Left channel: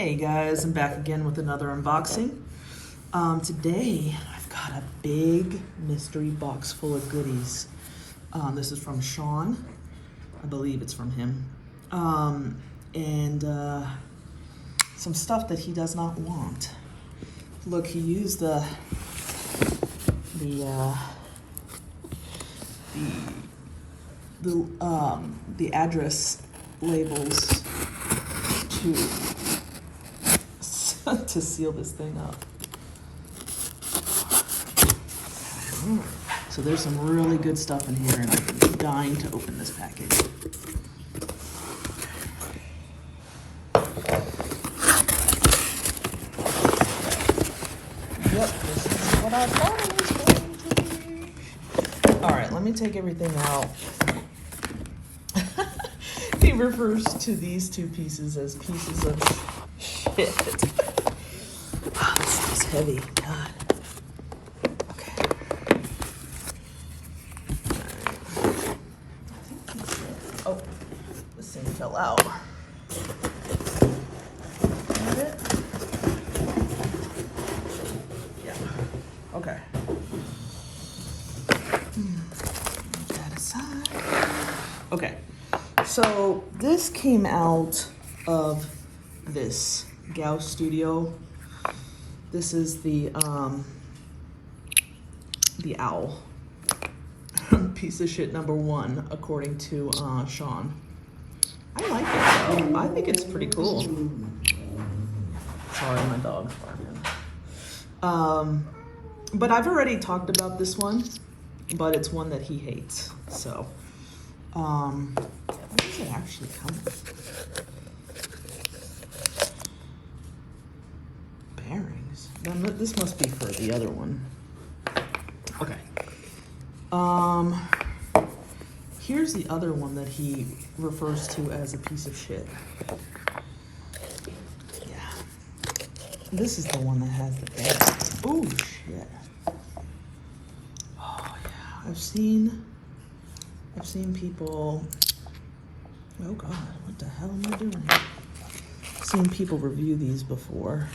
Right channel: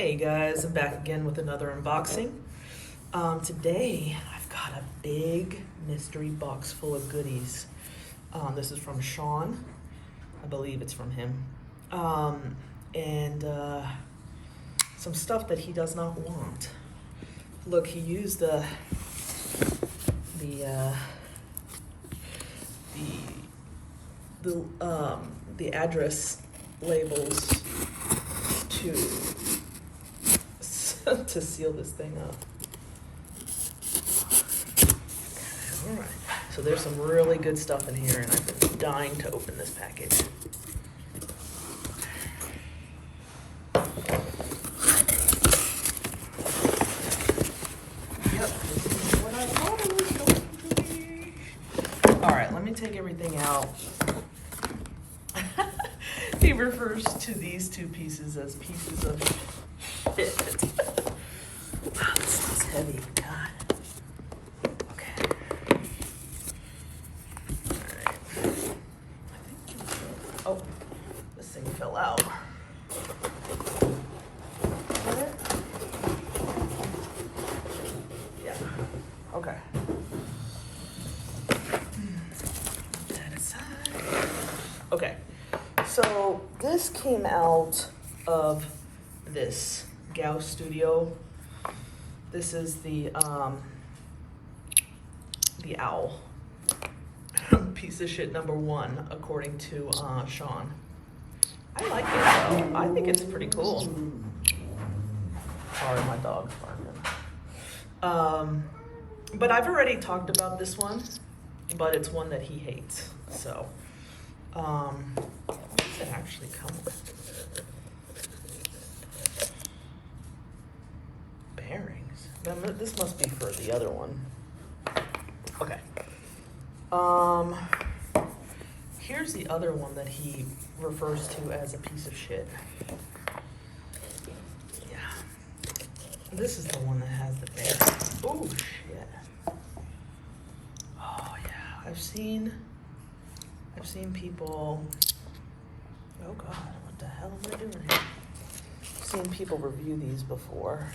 Hey guys, I'm back again with another unboxing. Today I've got a big mystery box full of goodies. This is from Sean. I believe it's from him. And some stuff that he does not want. Look, he used the address labels to seal this thing up. So there's some really good stuff in here, and I'm dying to open this package. Yep, this is what I thought it was going to be. All right, let me take everything out. He refers to these two pieces as pieces of shit. Wow, this is heavy. God. Okay. Oh, this thing fell out. Yeah. Okay. Put that aside. Okay. So this came out of this Gao Studio. This is the owl. Piece of shit number one, according to Sean. I like it. I think it's pretty cool. Sorry, my dog. But I've already talked about this one, but it's one that he hates. So, what does it actually come with? Bearings. Then this must be for the other one. Okay. Here's the other one that he refers to as a piece of shit. Yeah. This is the one that has the bearings. Oh shit. Oh yeah. I've seen people. Oh god, what the hell am I doing here? I've seen people review these before.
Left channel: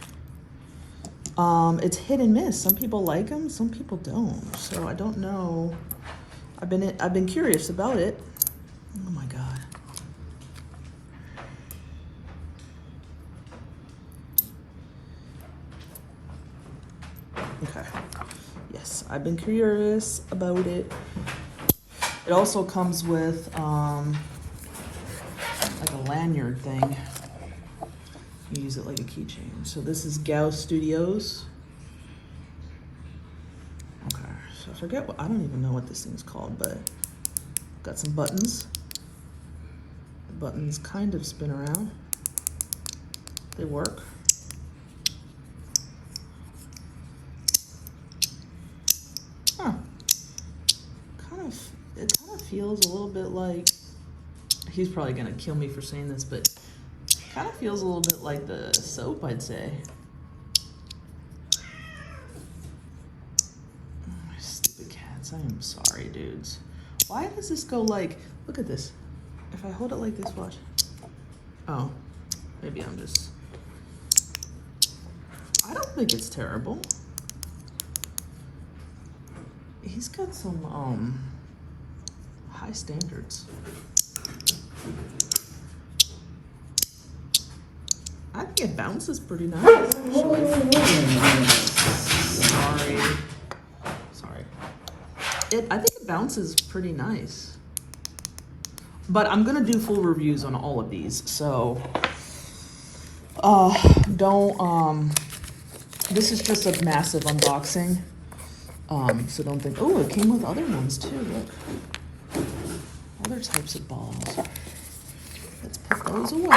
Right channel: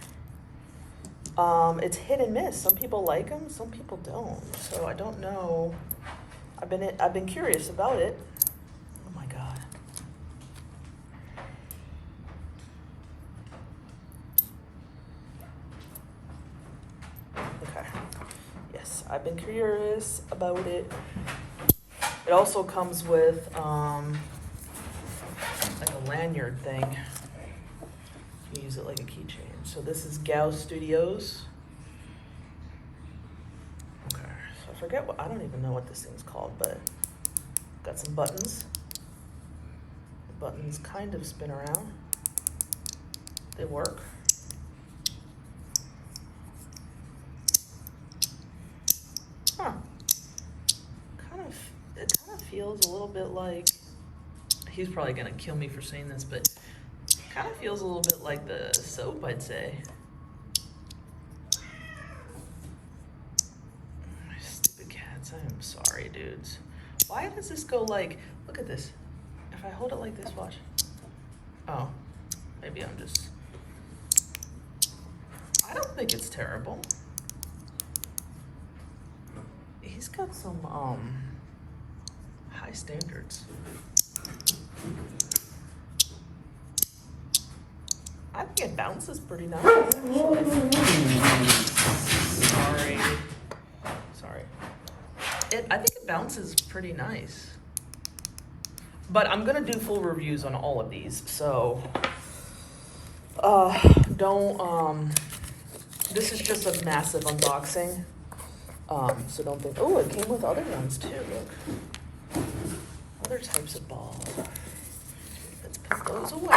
It's hit and miss. Some people like them, some people don't. So I don't know. I've been curious about it. Oh my god. Okay. Yes, I've been curious about it. It also comes with like a lanyard thing. You use it like a keychain. So this is Gao Studios. Okay, so I forget I don't even know what this thing's called, but got some buttons. The buttons kind of spin around. They work. Huh. It kind of feels a little bit like, he's probably gonna kill me for saying this, but kind of feels a little bit like the soap, I'd say. My stupid cats, I'm sorry, dudes. Why does this go like, look at this. If I hold it like this, watch. Oh, maybe I'm just, I don't think it's terrible. He's got some high standards. I think it bounces pretty nice. Sorry. I think it bounces pretty nice. But I'm gonna do full reviews on all of these, so this is just a massive unboxing. So don't think, oh, it came with other ones too. Look. Other types of balls. Let's put those away.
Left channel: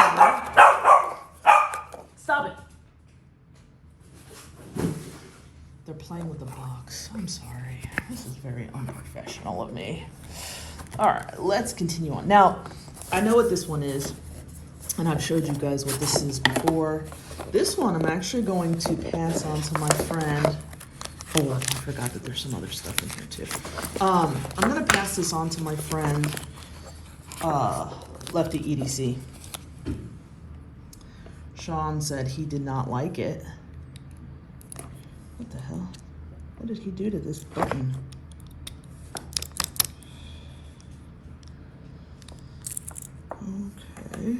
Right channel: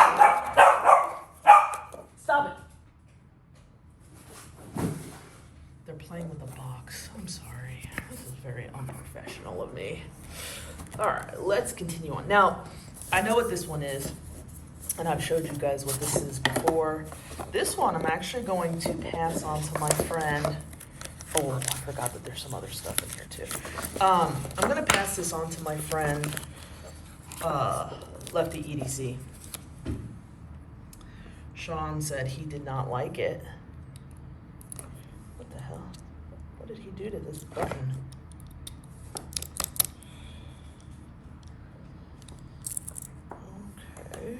Stop it. They're playing with the box. I'm sorry. This is very unprofessional of me. All right, let's continue on. Now, I know what this one is, and I've showed you guys what this is before. This one I'm actually going to pass on to my friend. Oh, I forgot that there's some other stuff in here too. I'm gonna pass this on to my friend, Lefty EDC. Sean said he did not like it. What the hell? What did he do to this button? Okay.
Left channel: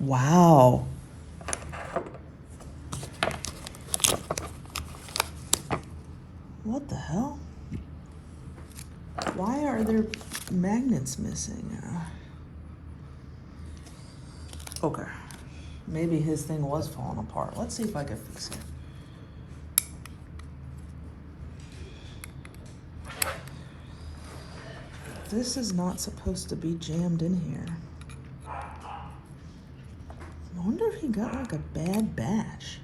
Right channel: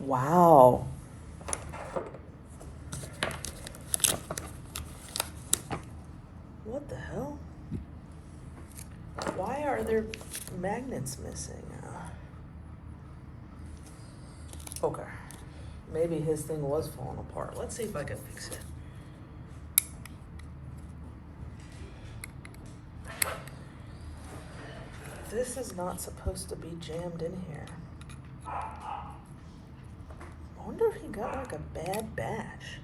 Wow. What the hell? Why are there magnets missing? Okay. Maybe his thing was falling apart. Let's see if I can fix it. This is not supposed to be jammed in here. I wonder if he got like a bad batch.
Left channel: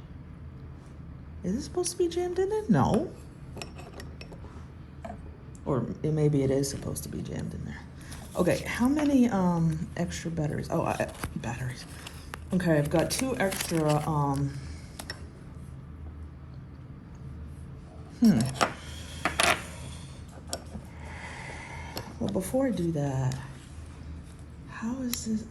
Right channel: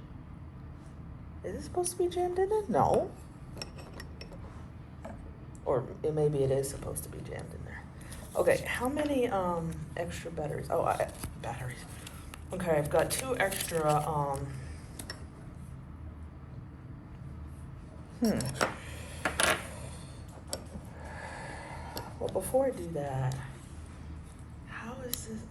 Is it supposed to be jammed in there? No. Or maybe it is supposed to be jammed in there. Okay, how many extra batteries? Oh, batteries. Okay, I've got 2 extra Well, before I do that, how is this,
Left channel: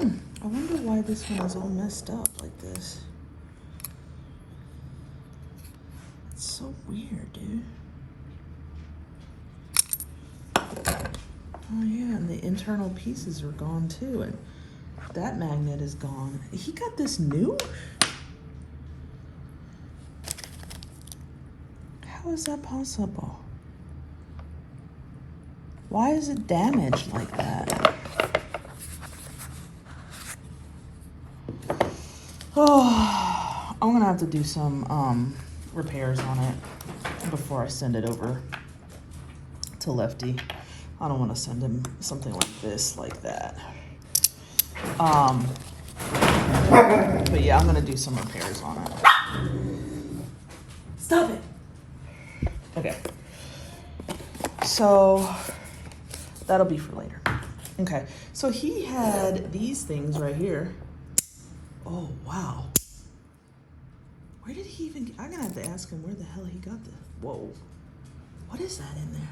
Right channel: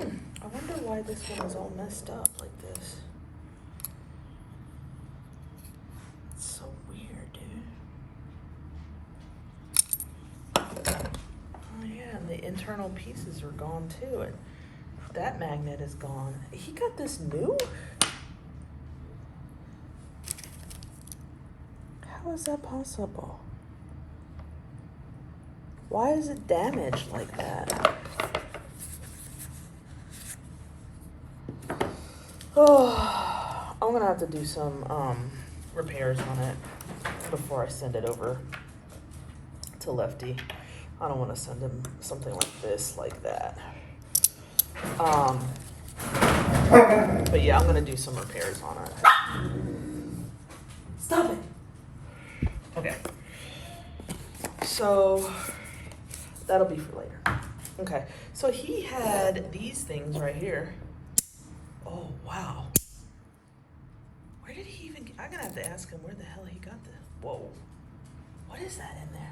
I wonder why this one is all messed up like this. It's so weird, dude. Oh yeah, and the internal pieces are gone too, and that magnet is gone. He got this new? How is that possible? Why is it damaged like that? Oh, I'm gonna have to do some repairs on it before I send it over to Lefty. I don't want to send him something like this, like that. But yeah, I'm gonna do some repairs on it. Stop it. Okay. So that'll be for later. Okay. So he had these things right here. Oh wow. Where did he even? I'm gonna have to ask him where the hell he got this. Whoa. What is that in there?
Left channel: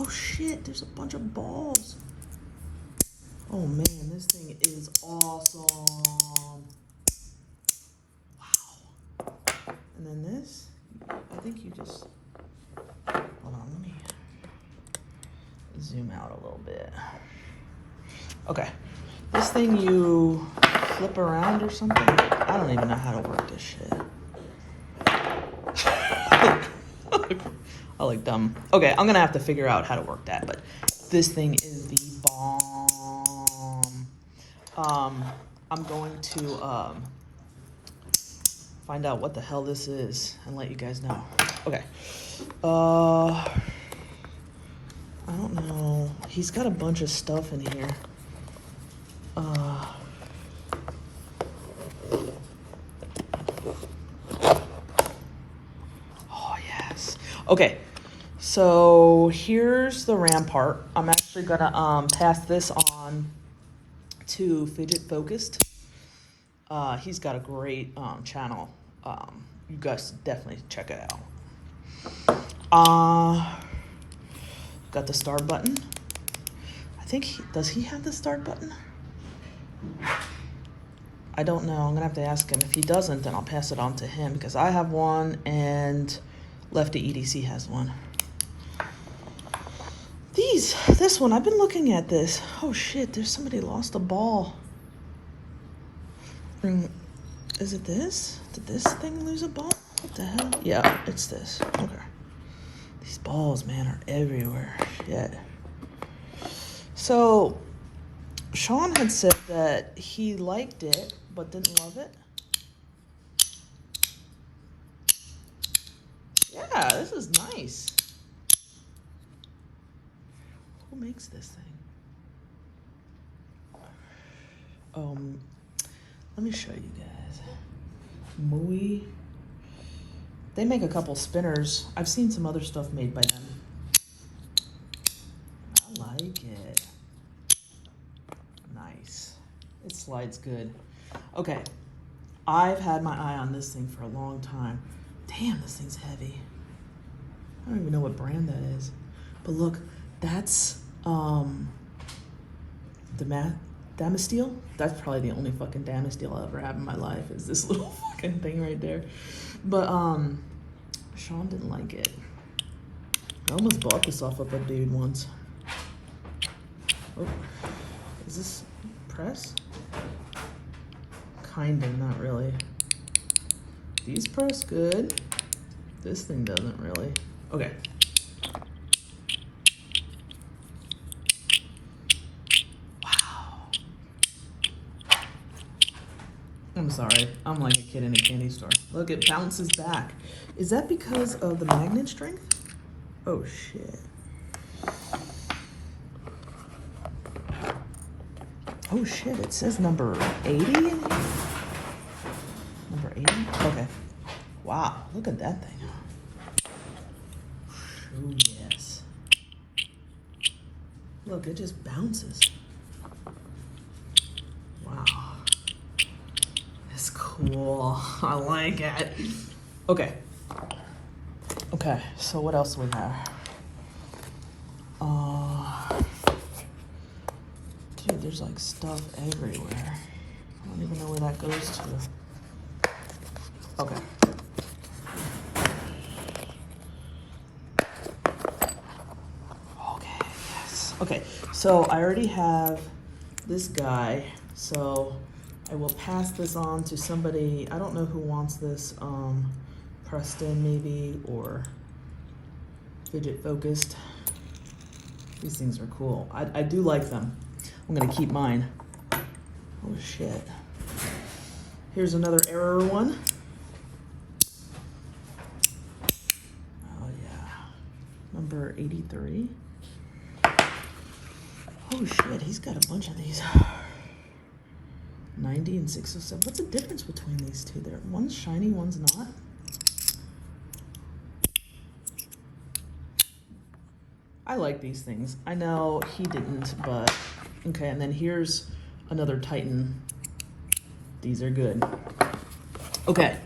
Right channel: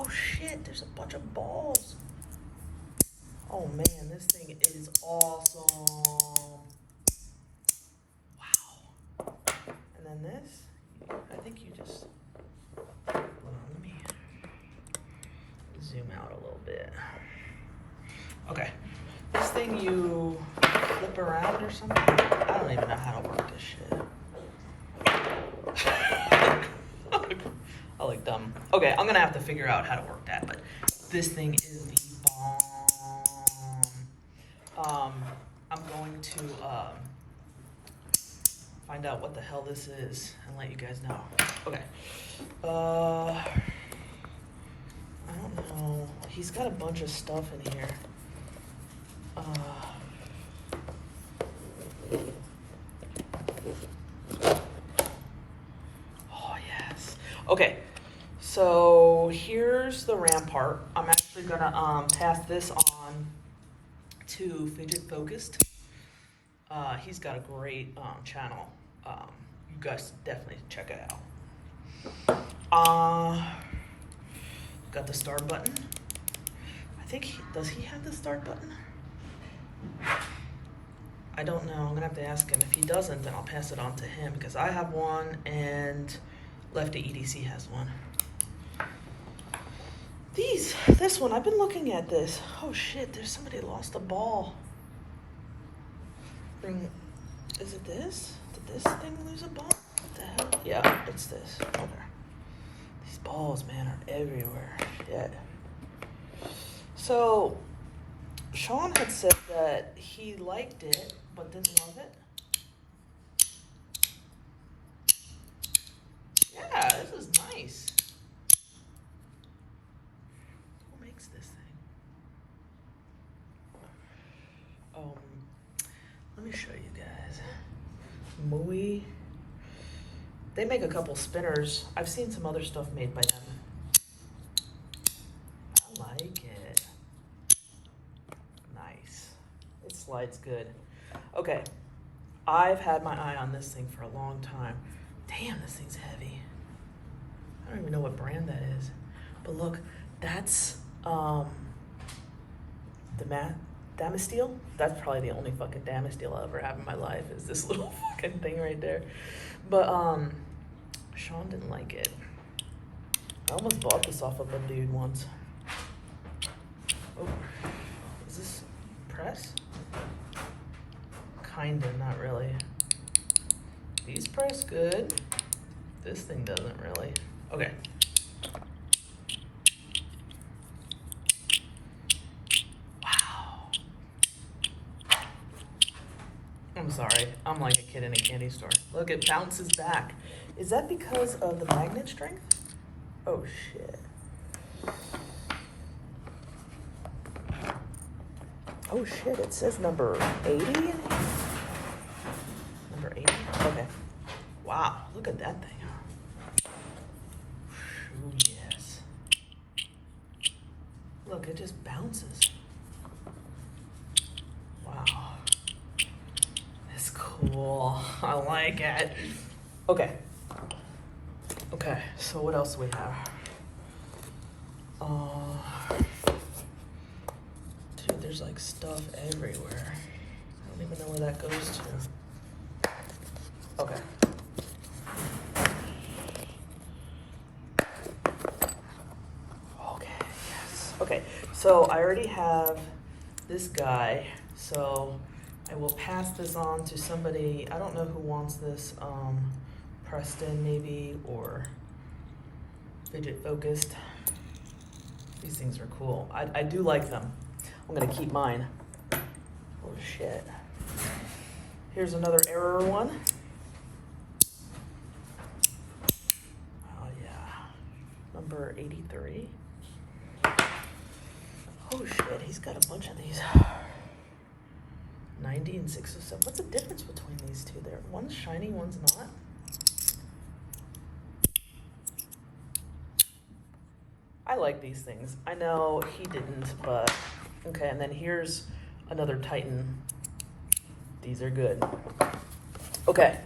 Oh shit, there's a bunch of balls. Oh man, this thing is awesome. Wow. And then this, I think you just, hold on, let me zoom out a little bit. Okay, this thing you flip around or something? I don't even know how to work this shit. I like dumb. Okay, I'm gonna have to figure out how to work that, but this thing is the bomb. I'm going to find out what the hell this is and let you guys know. Okay. I don't know. He's got a bunch of stuff in here. Oh yes. Okay. So here's the RAM part. I'm actually gonna pass this on to Fidget Focused. He's got a great channel. You guys definitely check it out. Got the start button. I think does he have the start button? I don't know. I'm gonna have to ask him. If he doesn't, then I'll pass it on to him because I have one and Lefty EDC has one. This one, I've been looking at this. Oh shit, there's somebody lost a ball. Is it this? Did this thing lose a ball? What the hell? Yeah, it's this. Okay. These balls, man, are everywhere. Shit. So, Sean had said that he liked it, but didn't love it. Yeah, this is nice. Who makes this thing? Let me show you guys. Moe. They make a couple spinners. I've seen some other stuff made by them. I like it. Nice. It slides good. Okay. I've had my eye on this thing for a long time. Damn, this thing's heavy. I don't even know what brand that is. But look, that's Damasteel. That's probably the only fucking Damasteel I'll ever have in my life is this little fucking thing right there. But Sean didn't like it. I almost bought this off of a dude once. Oh, is this press? Kinda, not really. These press good. This thing doesn't really. Okay. I'm sorry, I'm like a kid in a candy store. Look, it bounces back. Is that because of the magnet strength? Oh shit. Oh shit, it says number 80? Number 80? Okay. Wow, look at that thing. Ooh, yes. Look, it just bounces. Cool. I like it. Okay. Okay, so what else do we have? Dude, there's like stuff everywhere. I don't even know where that goes to. Okay. Okay, yes. Okay, so I already have this guy, so I will pass this on to somebody. I don't know who wants this. Preston maybe, or Fidget Focused. These things are cool. I do like them. I'm gonna keep mine. Oh shit. Here's another error one. Oh yeah. Number 83. Oh shit, he's got a bunch of these. 90 and 607. What's the difference between these two there? One's shiny, one's not. I like these things. I know he didn't, but okay. And then here's another Titan. These are good. Okay.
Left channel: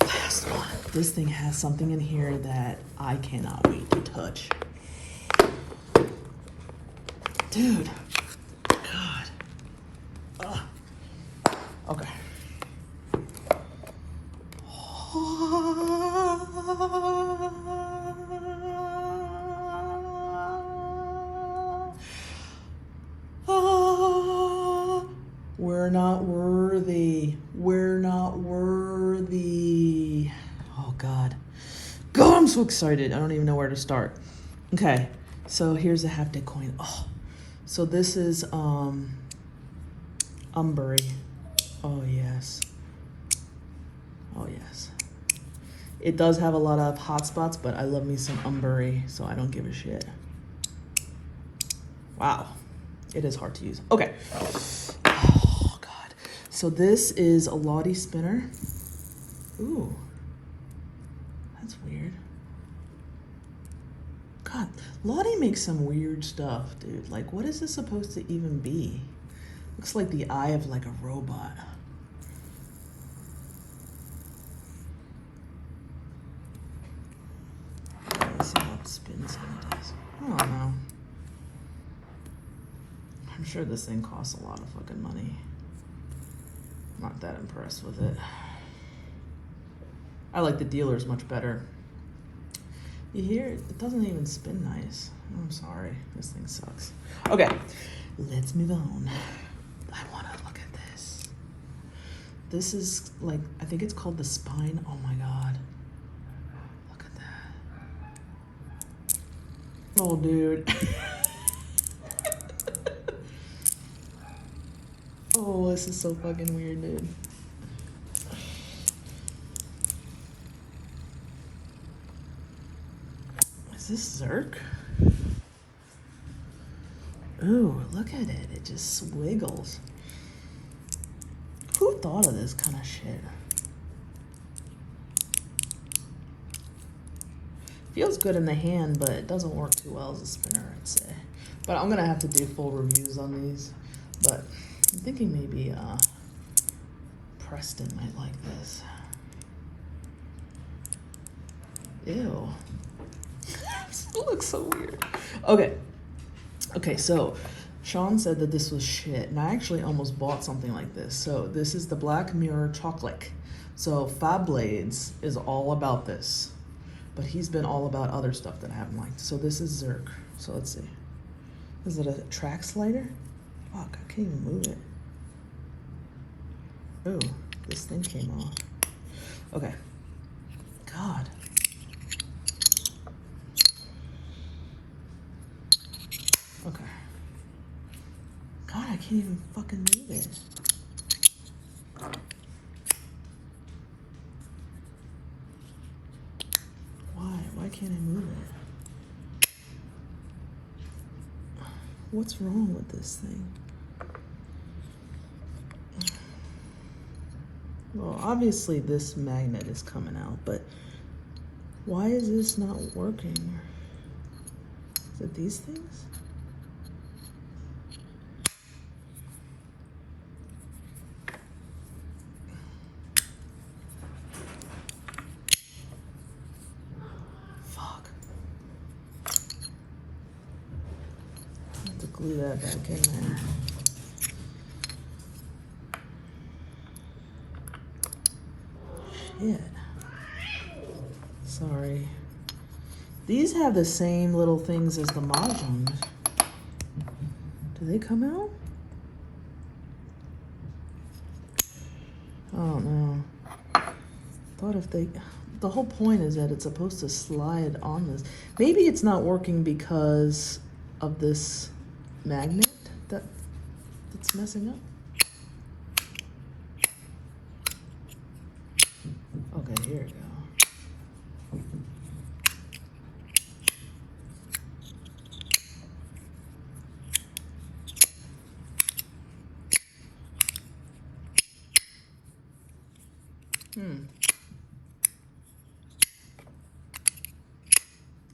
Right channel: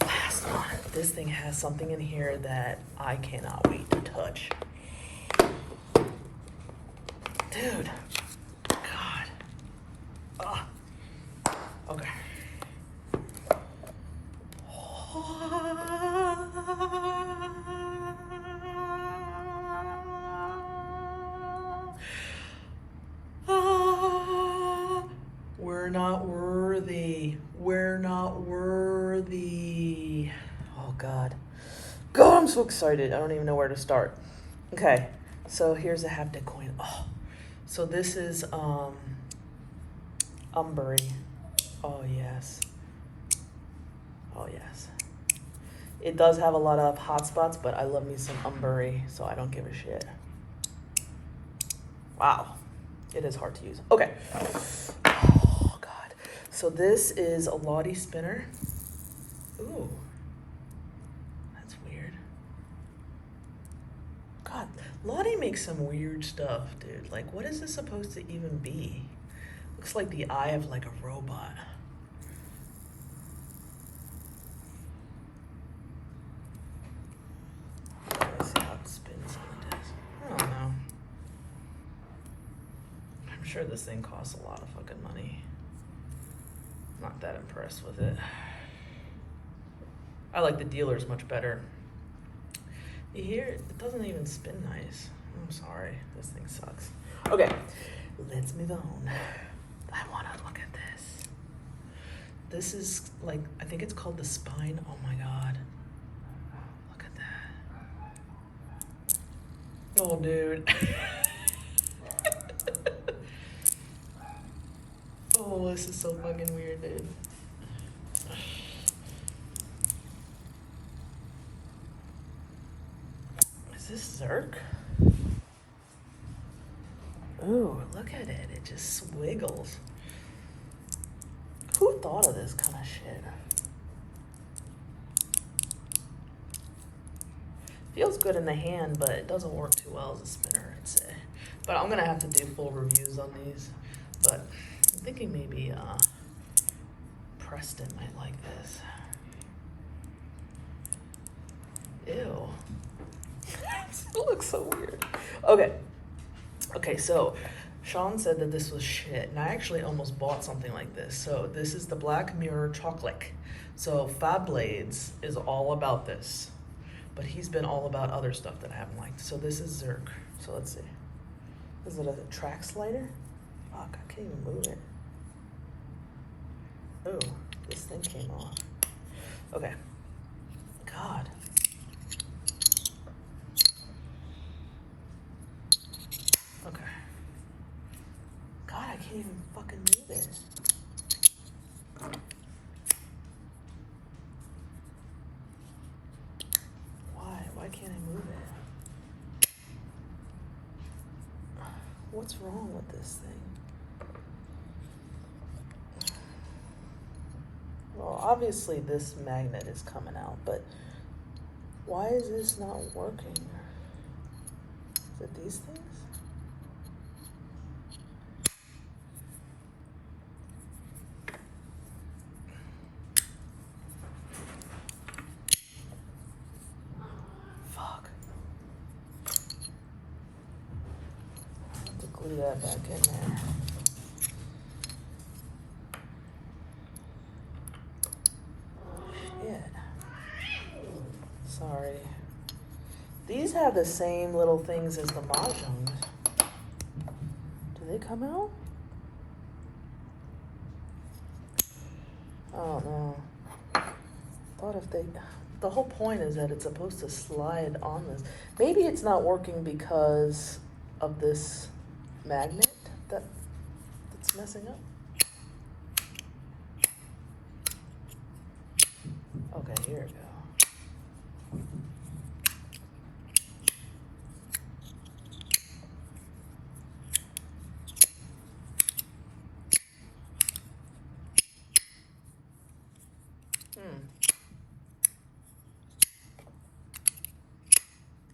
Last one. This thing has something in here that I cannot wait to touch. Dude. God. Okay. We're not worthy. We're not worthy. Oh God. God, I'm so excited. I don't even know where to start. Okay, so here's a haptic coin. Oh, so this is Umbury. Oh yes. Oh yes. It does have a lot of hot spots, but I love me some Umbury, so I don't give a shit. Wow. It is hard to use. Okay. Oh God. So this is a Lottie spinner. Ooh. That's weird. God, Lottie makes some weird stuff, dude. Like, what is this supposed to even be? Looks like the eye of like a robot. Let's see how it spins on this. I don't know. I'm sure this thing costs a lot of fucking money. Not that impressed with it. I like the dealers much better. You hear it? It doesn't even spin nice. I'm sorry. This thing sucks. Okay, let's move on. I want to look at this. This is like, I think it's called the spine. Oh my God. Look at that. Oh, dude. Oh, this is so fucking weird, dude. Is this Zerk? Oh, look at it. It just swiggles. Who thought of this kind of shit? Feels good in the hand, but it doesn't work too well as a spinner, I'd say. But I'm gonna have to do full reviews on these. But I'm thinking maybe Preston might like this. Ew. It looks so weird. Okay. Okay, so Sean said that this was shit, and I actually almost bought something like this. So this is the Black Mirror Chocolate. So Fab Blades is all about this, but he's been all about other stuff that I haven't liked. So this is Zerk. So let's see. Is it a track slider? Fuck, I can't even move it. Oh, this thing came on. Okay. God. Okay. God, I can't even fucking move it. Why can't I move it? What's wrong with this thing? Well, obviously this magnet is coming out, but why is this not working? Is it these things? Fuck. I have to glue that back in there. Shit. Sorry. These have the same little things as the modules. Do they come out? I don't know. Thought if they, the whole point is that it's supposed to slide on this. Maybe it's not working because of this magnet that's messing up. Okay, here we go.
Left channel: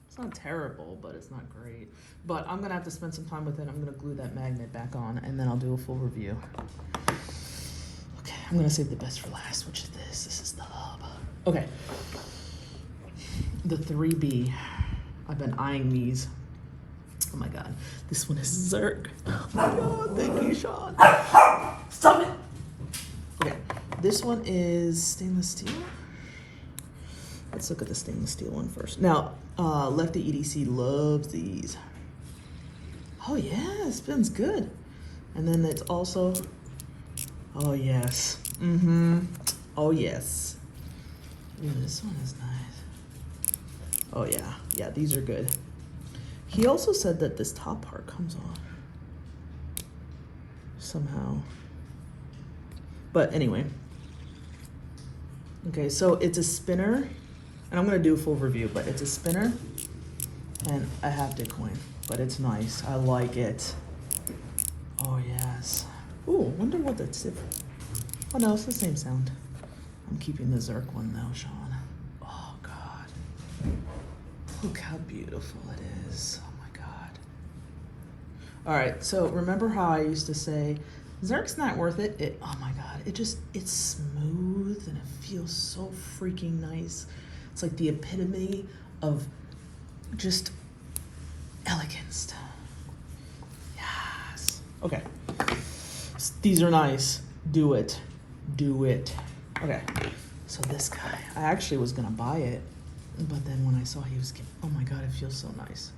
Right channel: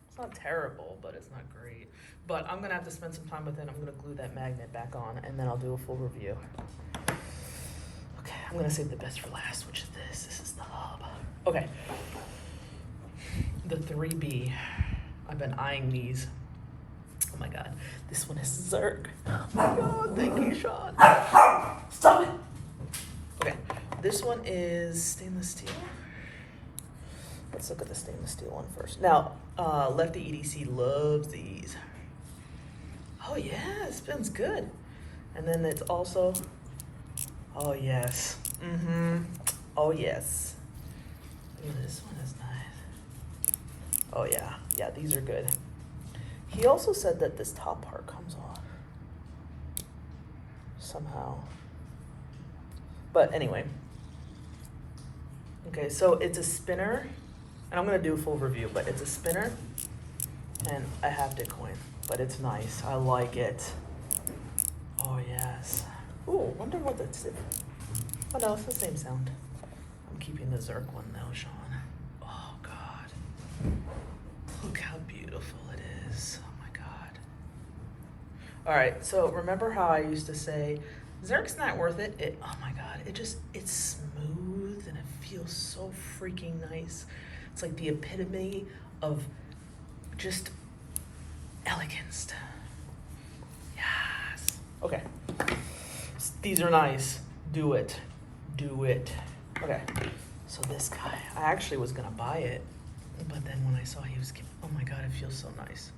It's not terrible, but it's not great. But I'm gonna have to spend some time with it. I'm gonna glue that magnet back on, and then I'll do a full review. Okay, I'm gonna save the best for last, which is this. This is the hub. Okay. The 3B. I've been eyeing these. Oh my god. This one is Zerk. Oh, thank you, Sean. Stop it! Okay, this one is stainless steel. Let's look at the stainless steel one first. Now, Lefty EDC loves these. Oh yeah, it spins good. And then it's also, oh yes. Oh yes. Ooh, this one is nice. Oh yeah, yeah, these are good. He also said that this top part comes off somehow. But anyway. Okay, so it's a spinner. And I'm gonna do a full review, but it's a spinner and a haptic coin, but it's nice. I like it. Oh yes. Ooh, I wonder what that's. Oh no, it's the same sound. I'm keeping the Zerk one though, Sean. Oh god. Look how beautiful it is. Oh my god. Alright, so remember how I used to say, Zerk's not worth it? Oh my god, it's smooth and it feels so freaking nice. It's like the epitome of just elegance. Yes. Okay. These are nice. Do it. Do it. Okay. So this guy, I actually was gonna buy it, but then when I saw he was, oh my god, it feels so nice.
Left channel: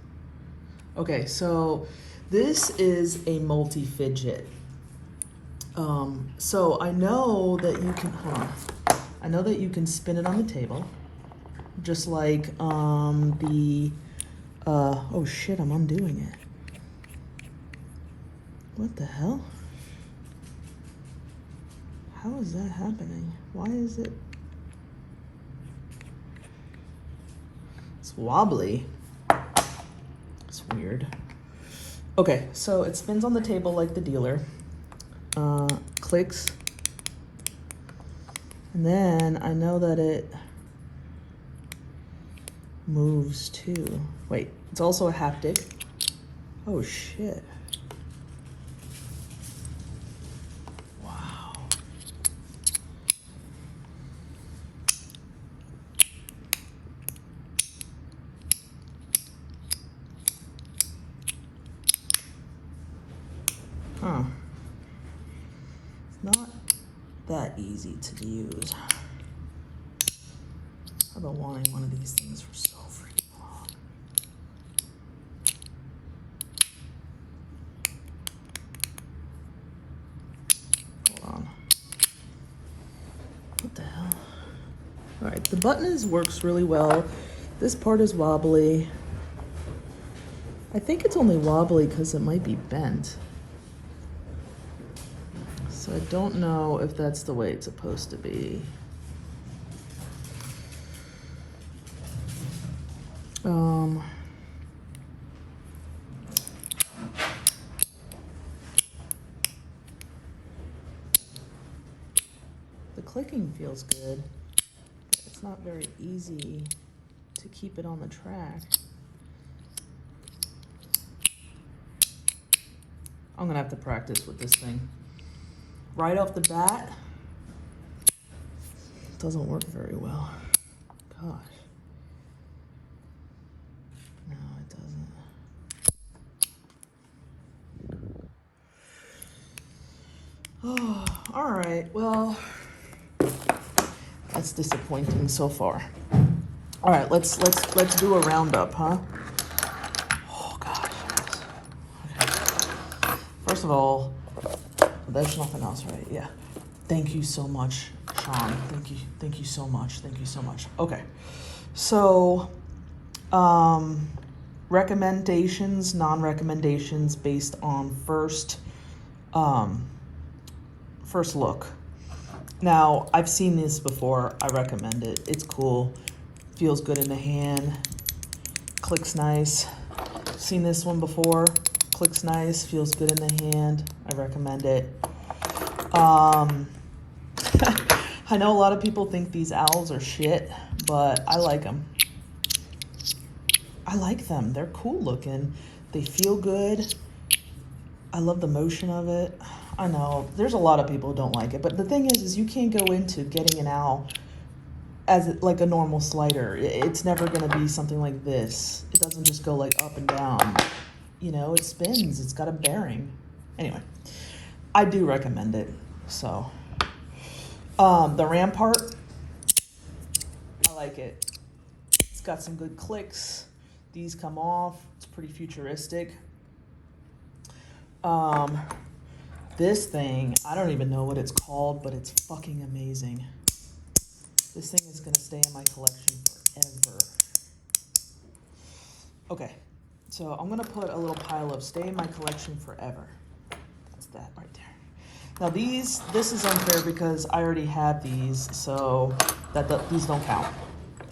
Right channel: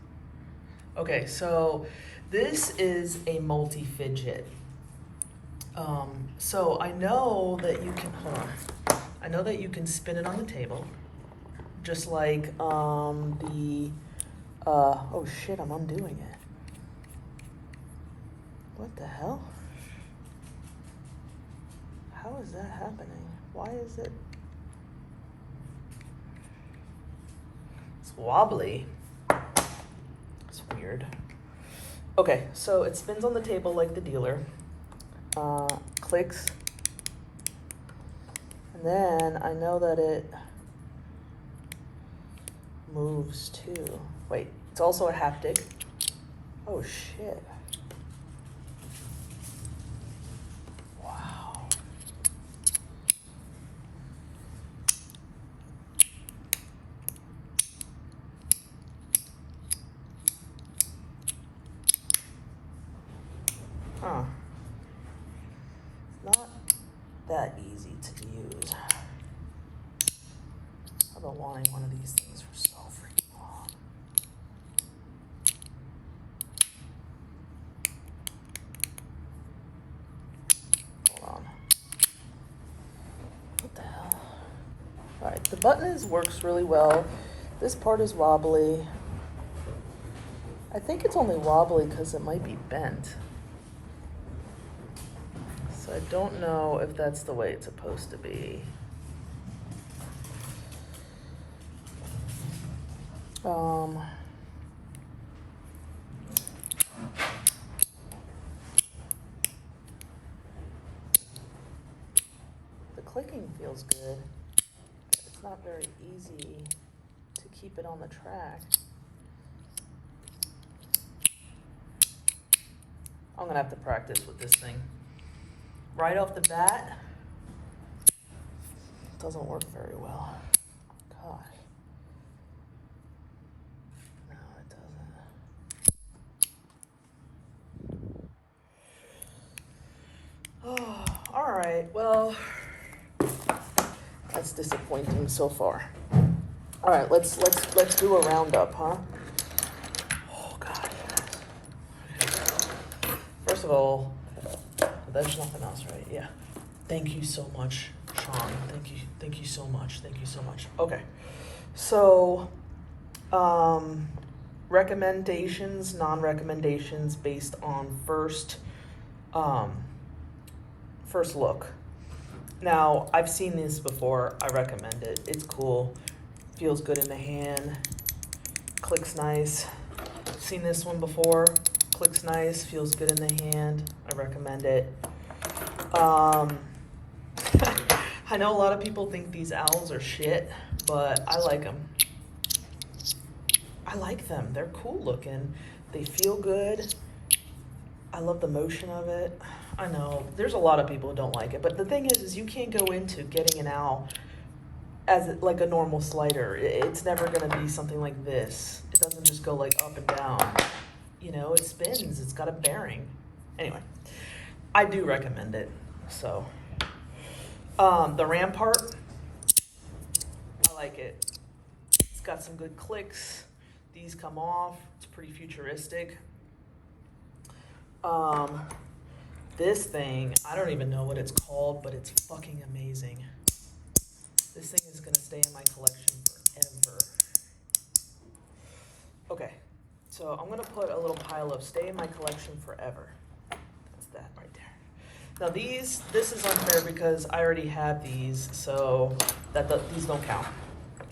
Okay, so this is a multi-fidget. So I know that you can, hold on. I know that you can spin it on the table. Just like oh shit, I'm undoing it. What the hell? How is that happening? Why is it? It's wobbly. It's weird. Okay, so it spins on the table like the dealer. Clicks. And then I know that it moves too. Wait, it's also a haptic. Oh shit. Wow. that easy to use. I've been wanting one of these things for so freaking long. Hold on. What the hell? All right, the button works really well. This part is wobbly. I think it's only wobbly because it might be bent. So I don't know if that's the way it's supposed to be. The clicking feels good. It's not very easy to keep it on the track. I'm gonna have to practice with this thing. Right off the bat, it doesn't work very well. Gosh. No, it doesn't. All right, well, that's disappointing so far. All right, let's do a roundup, huh? Oh gosh. Okay. First of all, there's nothing else, right? Yeah. Thank you so much, Sean. Thank you so much. Thank you so much. Okay. So, recommendations, non-recommendations based on first look. Now, I've seen this before. I recommend it. It's cool. Feels good in the hand. Clicks nice. Seen this one before. Clicks nice. Feels good in the hand. I recommend it. I know a lot of people think these owls are shit, but I like them. I like them. They're cool looking. They feel good. I love the motion of it. I know there's a lot of people who don't like it, but the thing is you can't go into getting an owl as like a normal slider. It's never going to be something like this. It doesn't just go like up and down. You know, it spins. It's got a bearing. Anyway, I do recommend it. So, the Rampart, I like it. It's got some good clicks. These come off. It's pretty futuristic. This thing, I don't even know what it's called, but it's fucking amazing. This thing is gonna stay in my collection forever. Okay, so I'm gonna put a little pile of stay in my collection forever. That's that right there. Now this is in here because I already have these, so these don't count.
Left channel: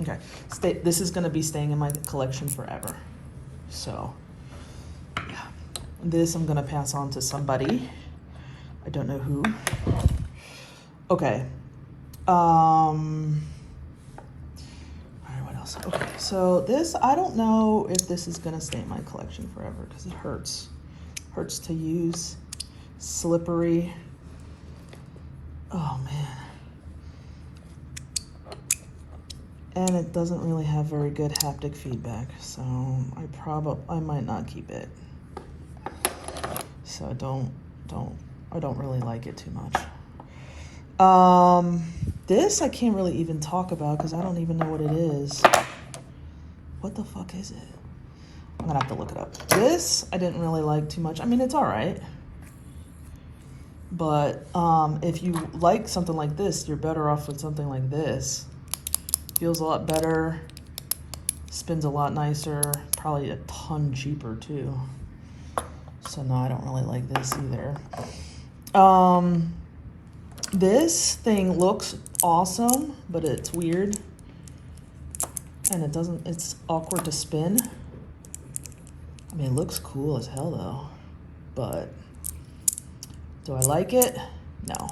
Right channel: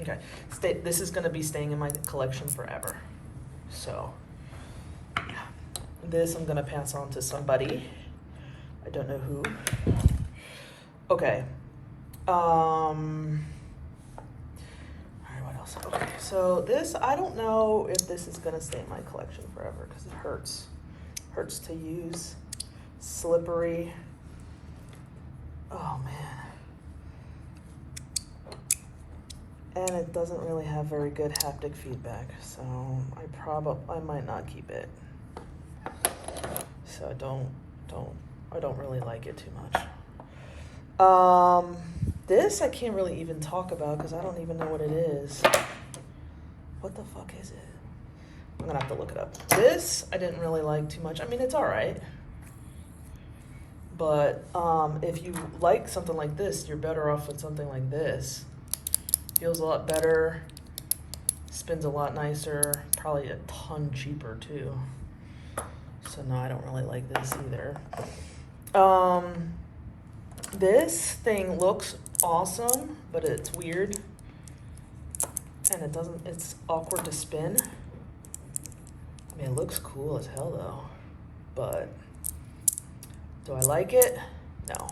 Okay, this is gonna be staying in my collection forever. So, yeah. This I'm gonna pass on to somebody. I don't know who. Okay. All right, what else? Okay, so this, I don't know if this is gonna stay in my collection forever because it hurts. Hurts to use. Slippery. Oh man. And it doesn't really have very good haptic feedback, so I might not keep it. So I don't really like it too much. This I can't really even talk about because I don't even know what it is. What the fuck is it? I'm gonna have to look it up. This I didn't really like too much. I mean, it's all right. But if you like something like this, you're better off with something like this. Feels a lot better, spins a lot nicer, probably a ton cheaper too. So no, I don't really like this either. This thing looks awesome, but it's weird. And it's awkward to spin. I mean, it looks cool as hell though, but do I like it? No.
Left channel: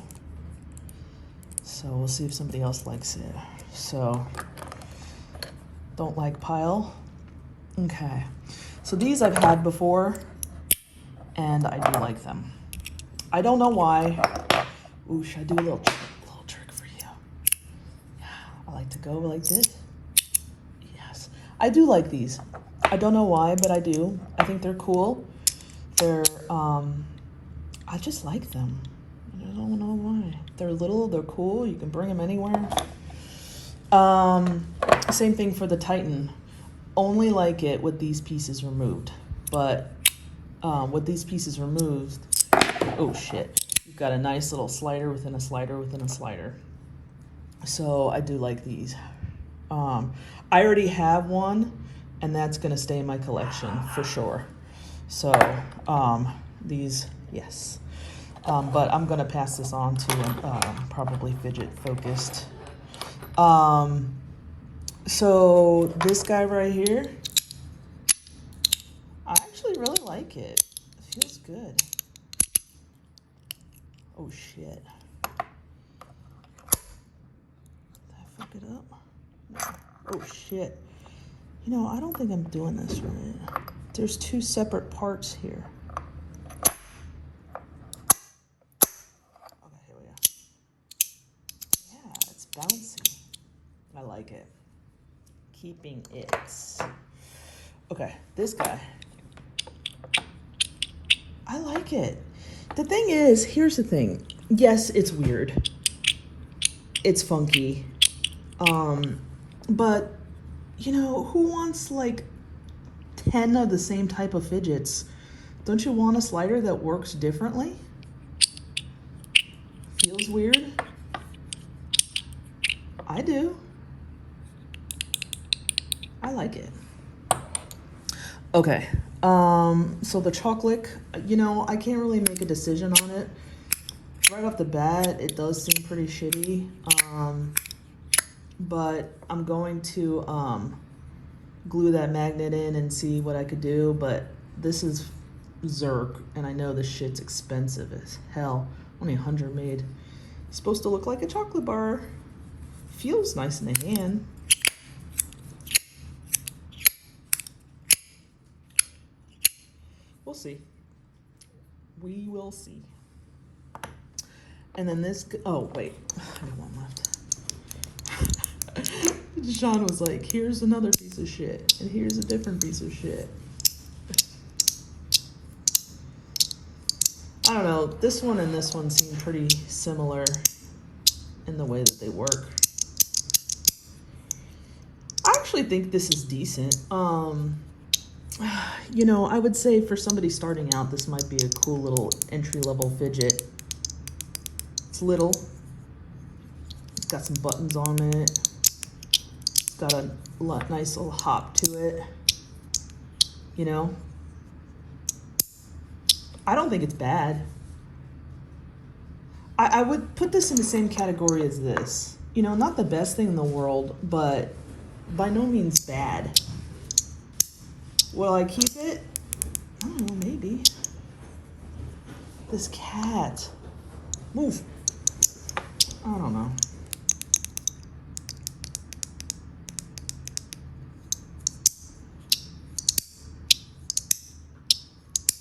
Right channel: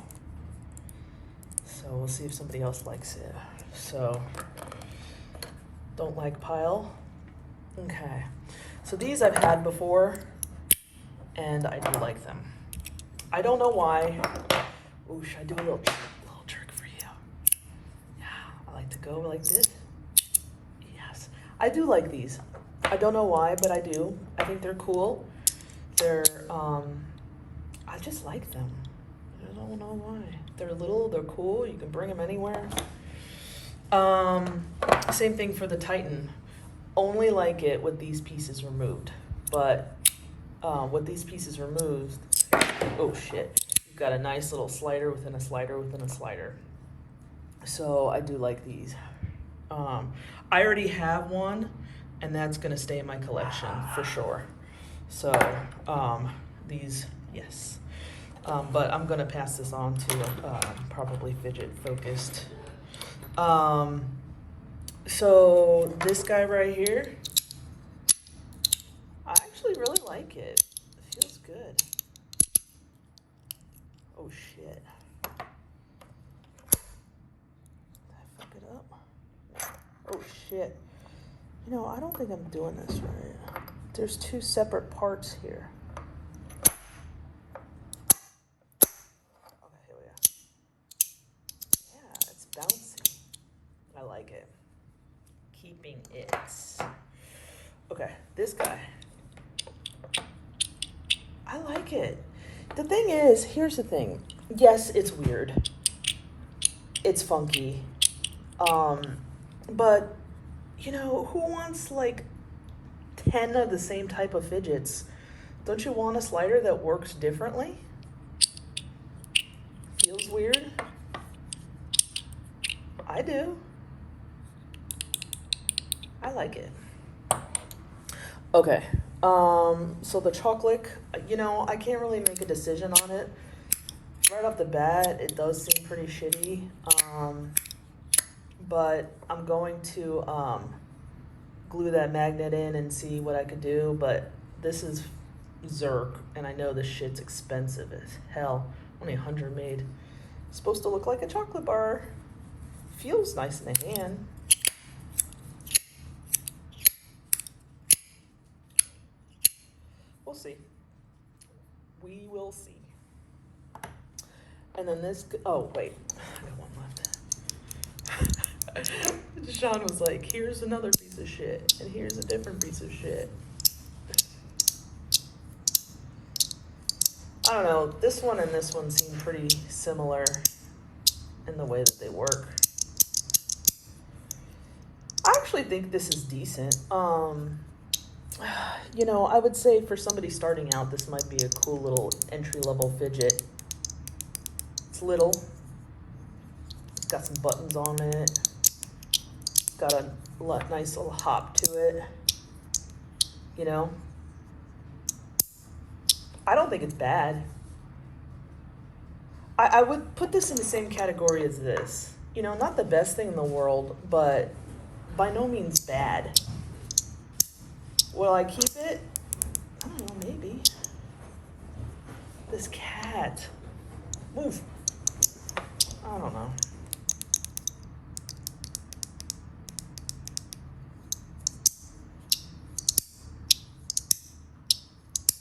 So we'll see if somebody else likes it. So, don't like pile. Okay. So these I've had before, and I do like them. I don't know why. Ooh, should I do a little trick for you? Yeah, I like to go like this. Yes. I do like these. I don't know why, but I do. I think they're cool. They're, I just like them. I don't know why. They're little, they're cool, you can bring them anywhere. Same thing for the Titan. Only like it with these pieces removed. But with these pieces removed, oh shit, you've got a nice little slider within a slider within a slider. So I do like these. I already have one, and that's gonna stay in my collection for sure. So these, yes. But I'm gonna pass this on to probably Fidget focused. So this guy right here, I actually really like it. It feels good. Oh shit. Did I fuck it up? Oh shit. You know, I don't think I'm doing this right. There's two separate parts here. Okay, here we are. Yeah, it's bouncing. I like it. Keeping it. Okay, this guy. I like it. The thing is, here's the thing. Yes, it's weird. It's funky. But, you know, who wants like 10 of the same type of fidgets? Don't you want a slider that works differently? Feels weird? I do. I like it. Okay, so the chocolate, you know, I can't really make a decision on it. Right off the bat, it does seem pretty shitty, but I'm going to glue that magnet in and see what I could do, but this is Zerk, and I know this shit's expensive as hell. Only 100 made. It's supposed to look like a chocolate bar. Feels nice in the hand. We'll see. We will see. And then this, oh wait, I have one left. Sean was like, here's another piece of shit, and here's a different piece of shit. I don't know, this one and this one seem pretty similar in the way that they work. I actually think this is decent. You know, I would say for somebody starting out, this might be a cool little entry-level fidget. It's little. It's got some buttons on it. It's got a nice little hop to it. You know? I don't think it's bad. I would put this in the same category as this. You know, not the best thing in the world, but by no means bad. Will I keep it? I don't know, maybe. This cat. Move. I don't know.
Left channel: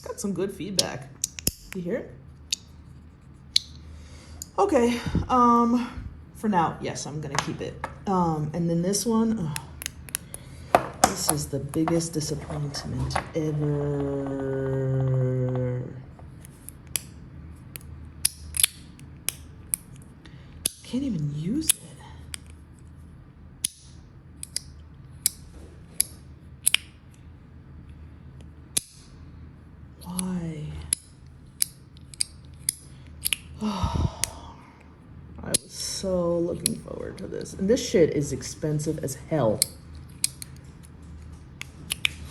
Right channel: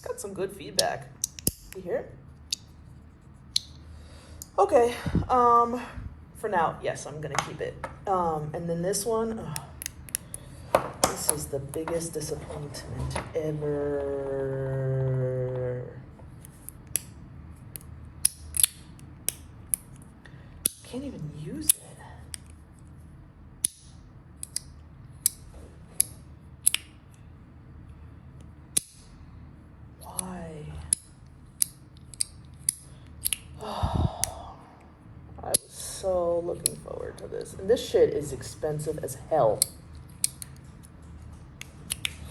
Got some good feedback. You hear it? Okay, for now, yes, I'm gonna keep it. And then this one, this is the biggest disappointment ever. Can't even use it. Why? I was so looking forward to this. And this shit is expensive as hell.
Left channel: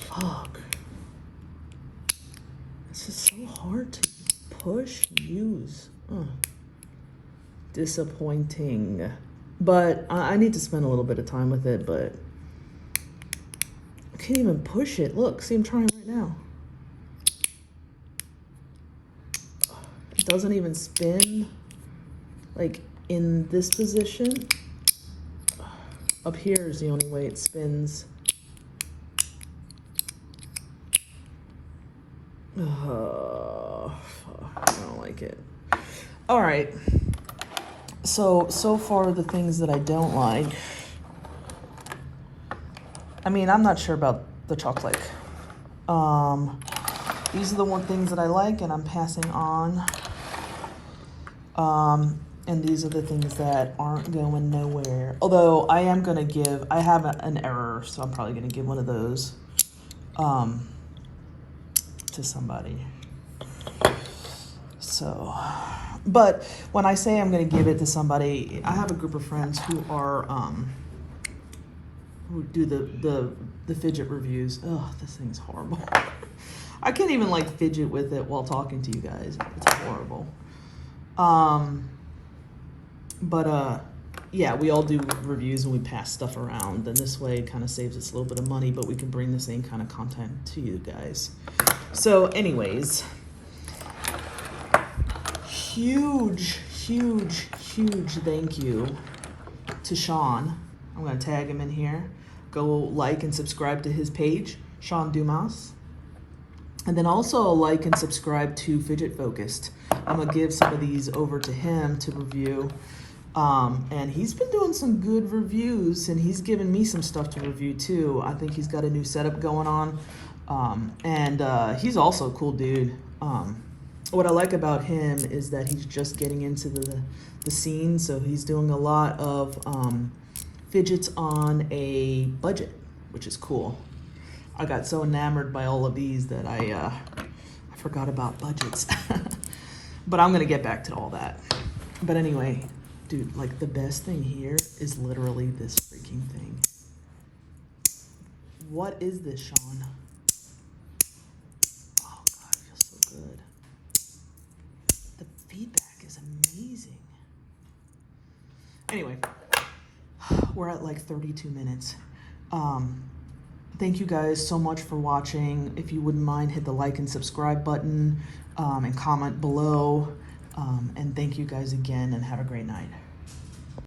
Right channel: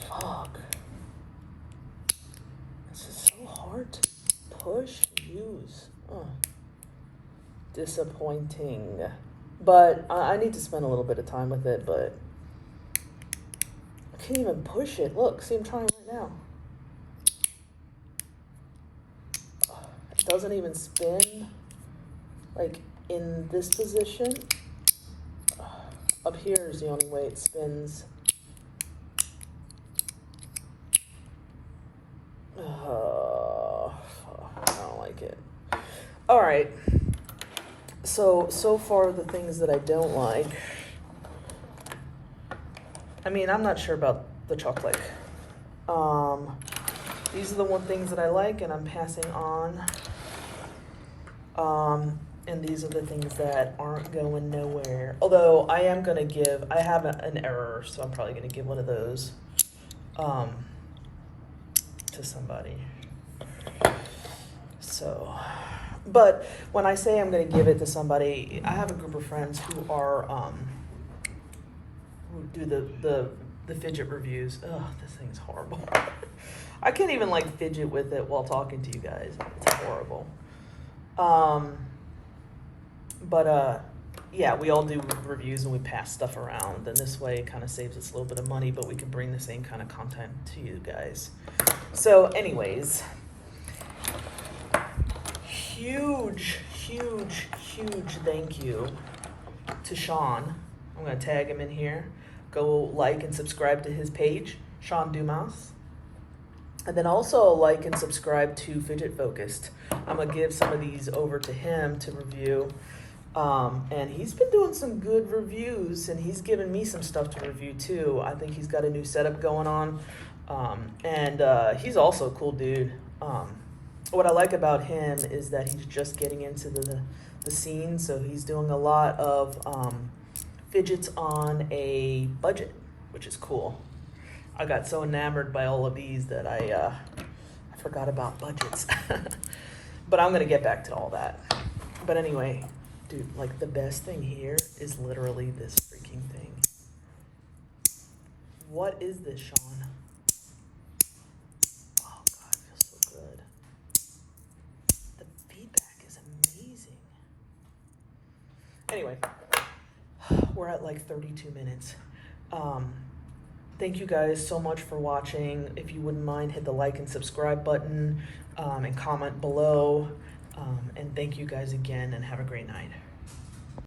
Fuck. This is so hard to push and use. Oh. Disappointing. But I need to spend a little bit of time with it, but I can't even push it. Look, see, I'm trying right now. It doesn't even spin like in this position. Up here is the only way it spins. I don't like it. All right. So far the things that I don't like. I mean, I'm not sure about the chocolate. These are the one things that I like, and I'm passing on. And these are the things that aren't going nowhere. Although I am gonna give, I have an error, so I'm probably gonna give one of those to somebody. So, but when I say I'm gonna give it to somebody, I have a group of friends who are, who do the fidget reviews. Ugh, this thing's horrible. I can't even like fidget with it while talking to you guys. It's horrible. Yeah, we all do reviews and we pass stuff around, and this way it kind of saves us a little bit of money, but we can bring the same kind of content to you guys. So anyways, huge thank you to Sean. I'm gonna tag him in here. Go like and subscribe to his page, Sean Dumas. And then also like and subscribe to Fidget Focused. I'm gonna give some of these over to him to review. And he's been doing some good reviews, and he's given me some stuff to review too. I think he's got a new setup going on. And he's also a cool dude. What I like about him is that he's just getting into the scene, so he's doing a lot of fidgets on a budget, which is cool. I got so enamored by all of these that I forgot about budgets. But I'm gonna get back to all that. But anyway, dude, like the best thing here is literally this freaking thing. What is this, Sean? Oh God, it feels so good. The feedback is amazing. Anyway, we're at like 32 minutes. Thank you guys so much for watching. If you wouldn't mind, hit the like and subscribe button and comment below. And thank you guys again, and have a great night.